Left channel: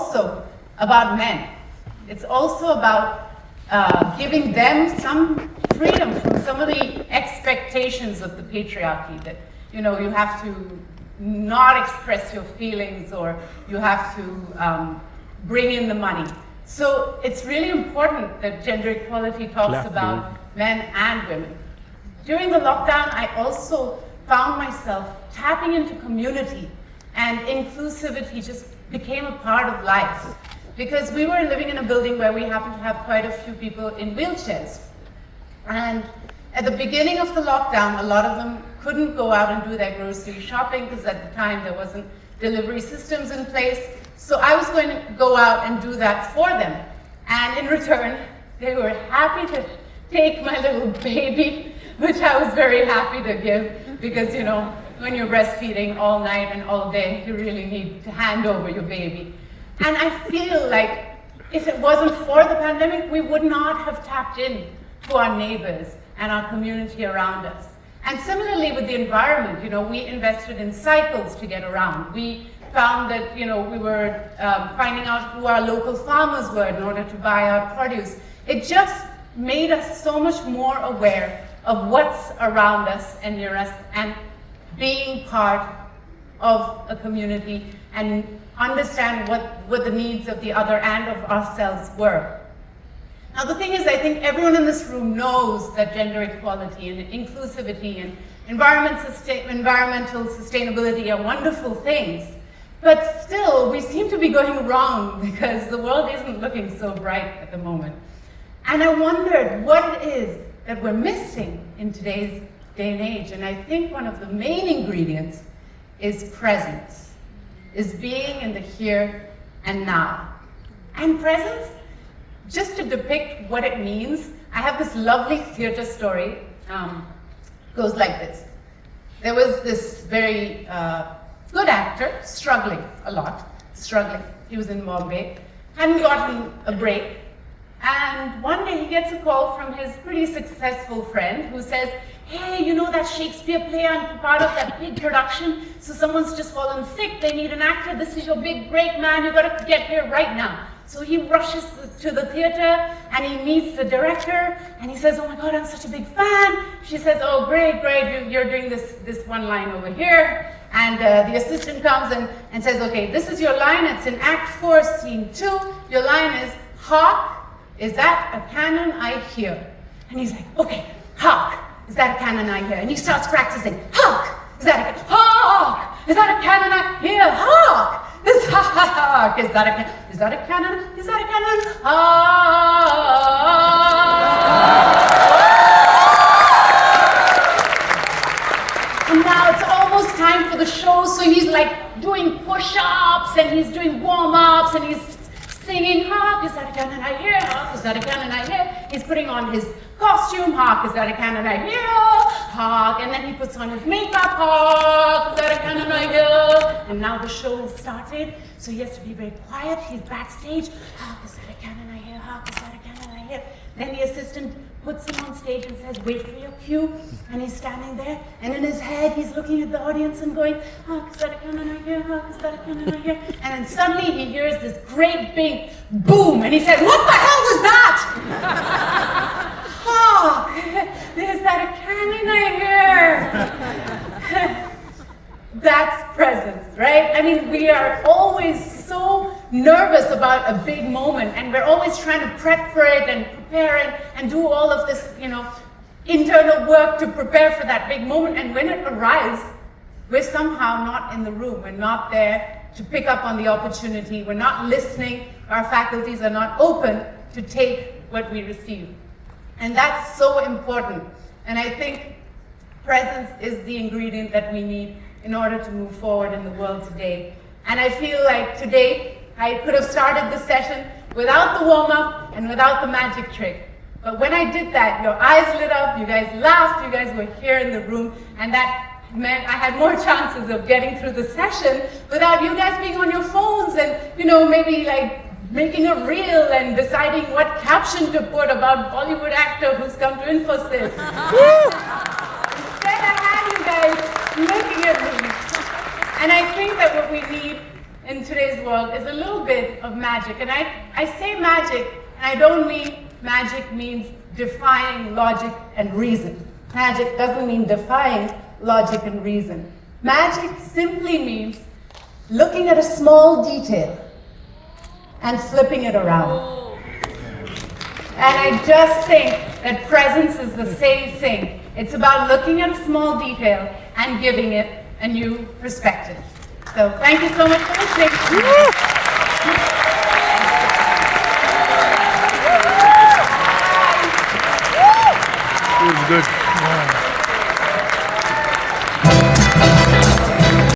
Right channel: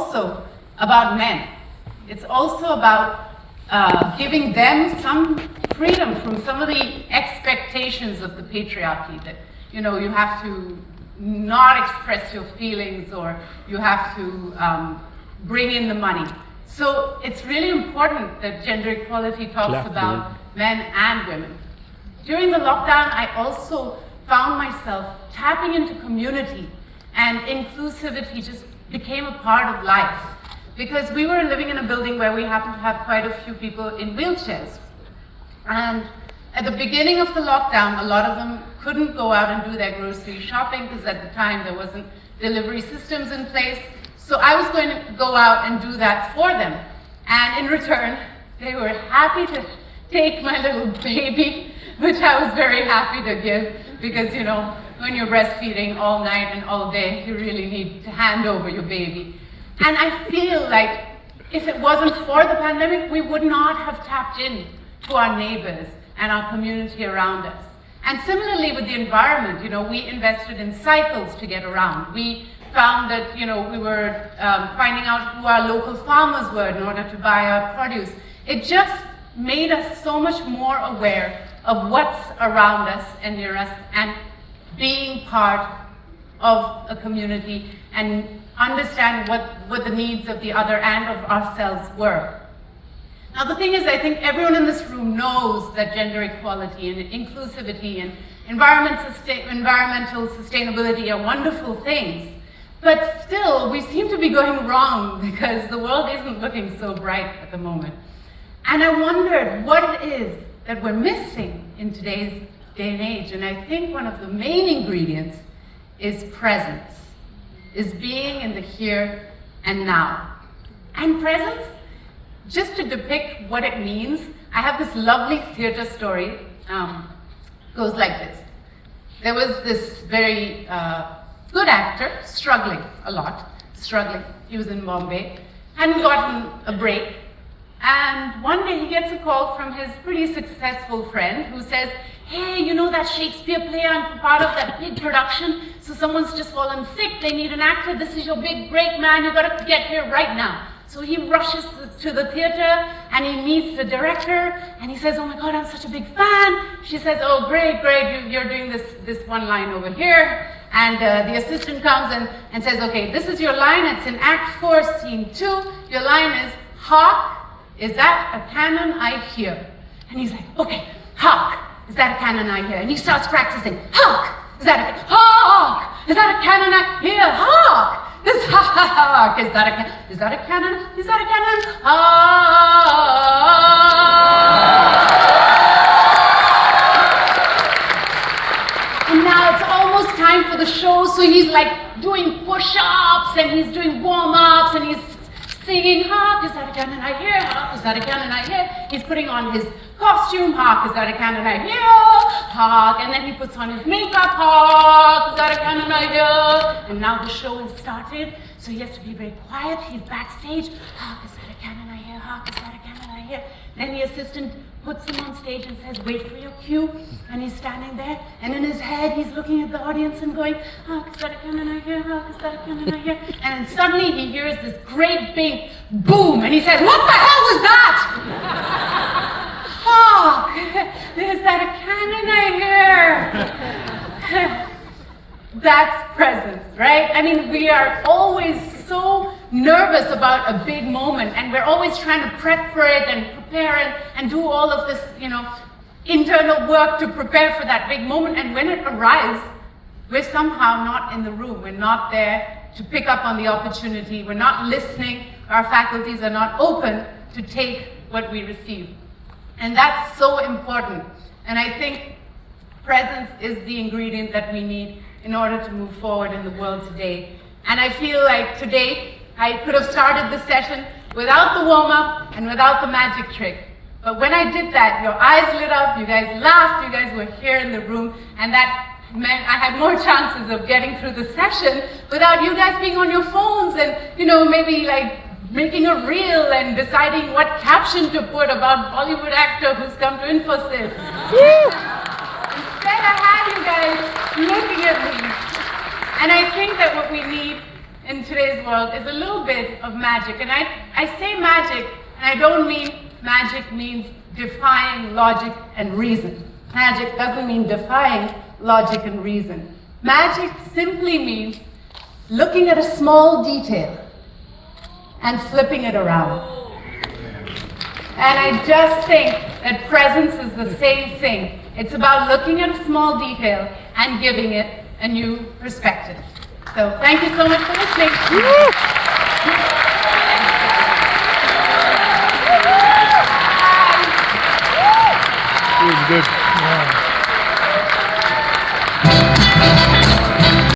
also about men. It's also about giving them some freedom from some of the expectations of the patriarchy, that you have to not express your feelings, or you have to bring in the money. So it's really important that gender equality talks about men and women. During the lockdown, I also found myself tapping into community, and inclusivity just became a part of life. Because we were living in a building where we happened to have quite a few people in wheelchairs. And at the beginning of the lockdown, a lot of them couldn't go out and do their grocery shopping, because at the time there wasn't delivery systems in place. So I was going to go out and do that for them. And in return, they were happy to take my little baby, which I was very happy to give, because when you're breastfeeding all night and all day, you really need to hand over your baby. And I feel like if it wasn't for the pandemic, we would not have tapped in to our neighbors and our community around us. And similarly with the environment, we invested in cycles to get around. We found that, we were finding out who our local farmers were in order to buy our produce. It just made us so much more aware of what's around us and near us, and being part of a community and understand what the needs of the other and of ourselves were. Now the thing is, I think everyone in this room knows that gender equality and inclusivity and environmental sustainability are wonderful things. But still, we seem to be going wrong, because the world isn't looking so bright at the moment. And I wondered what it is that we're missing in today's day and age. And I think one of the main ingredients is presence, is being in the here and now. And presence, just to depict what it means, I have this lovely theater story. Goes like this. There was this very good actor, struggling a lot, He was in Bombay, hadn't gotten a break. And one day he gets a call from his pretty successful friend who says, hey, that Shakespeare play, I'm part of that big production, so someone's just fallen sick, they need an actor, this is your big break, man, you gotta get here right now. So he rushes to the theater and he meets the director and he says, oh my God, I'm such a big fan. She says, oh great, you're doing this one line over here. And the assistant comes and says, okay, this is your line, it's in Act 4, Scene 2. Your line is, hark, is that a cannon I hear? And he's like, okay, hark, is that a cannon I hear? And he starts practicing, hark, is that a cannon I hear? Hark! Is that a cannon? Is that a cannon? And now it's almost time for the show, so he's like doing push-ups and he's doing warm-ups and he's singing, hark, is that a cannon I hear? Hark, is that a cannon I hear? He's putting on his costume, hark, is that a cannon I hear? Hark, and then he puts on his makeup, hark, is that a cannon I hear? And now the show has started, so he has to be very quiet. He's backstage, hark, is that a cannon I hear? Hark, is that a cannon I hear? Then the assistant puts him on stage and says, wait for your cue, and he's standing there, and in his head he's looking at the audience and going, hark, is that a cannon I hear? Hark, is that a cannon I hear? And then suddenly he hears this great big boom, and he says, what the hell was that? Hark, is that a cannon I hear? That's presence, right? I mean, we are always so nervous about a big moment, and we're always trying to prep for it and prepare and do all of this, internal work to prepare for that big moment. And when it arrives, we're somehow not in the room. We're not there to pick up on the opportunity. We're not listening. Our faculties are not open to take what we receive. And that's so important. And I think presence is the ingredient that we need in order to move forward in the world today. And I feel like today, I could have started the session without the warm-up and without the magic trick. But when I did that, your eyes lit up, you guys laughed, you guys were here in the room, and that meant I had more chances of getting through the session without you guys being on your phones and, maybe like making a reel and deciding what caption to put about Bollywood actor who's come to Infosys. Instead, I had you guys looking at me. And I think that what we need in today's world is a little bit of magic. And I say magic, and I don't mean magic means defying logic and reason. Magic doesn't mean defying logic and reason. Magic simply means looking at a small detail and flipping it around. And I just think that presence is the same thing. It's about looking at a small detail and giving it a new perspective. So thank you so much for listening. It was good.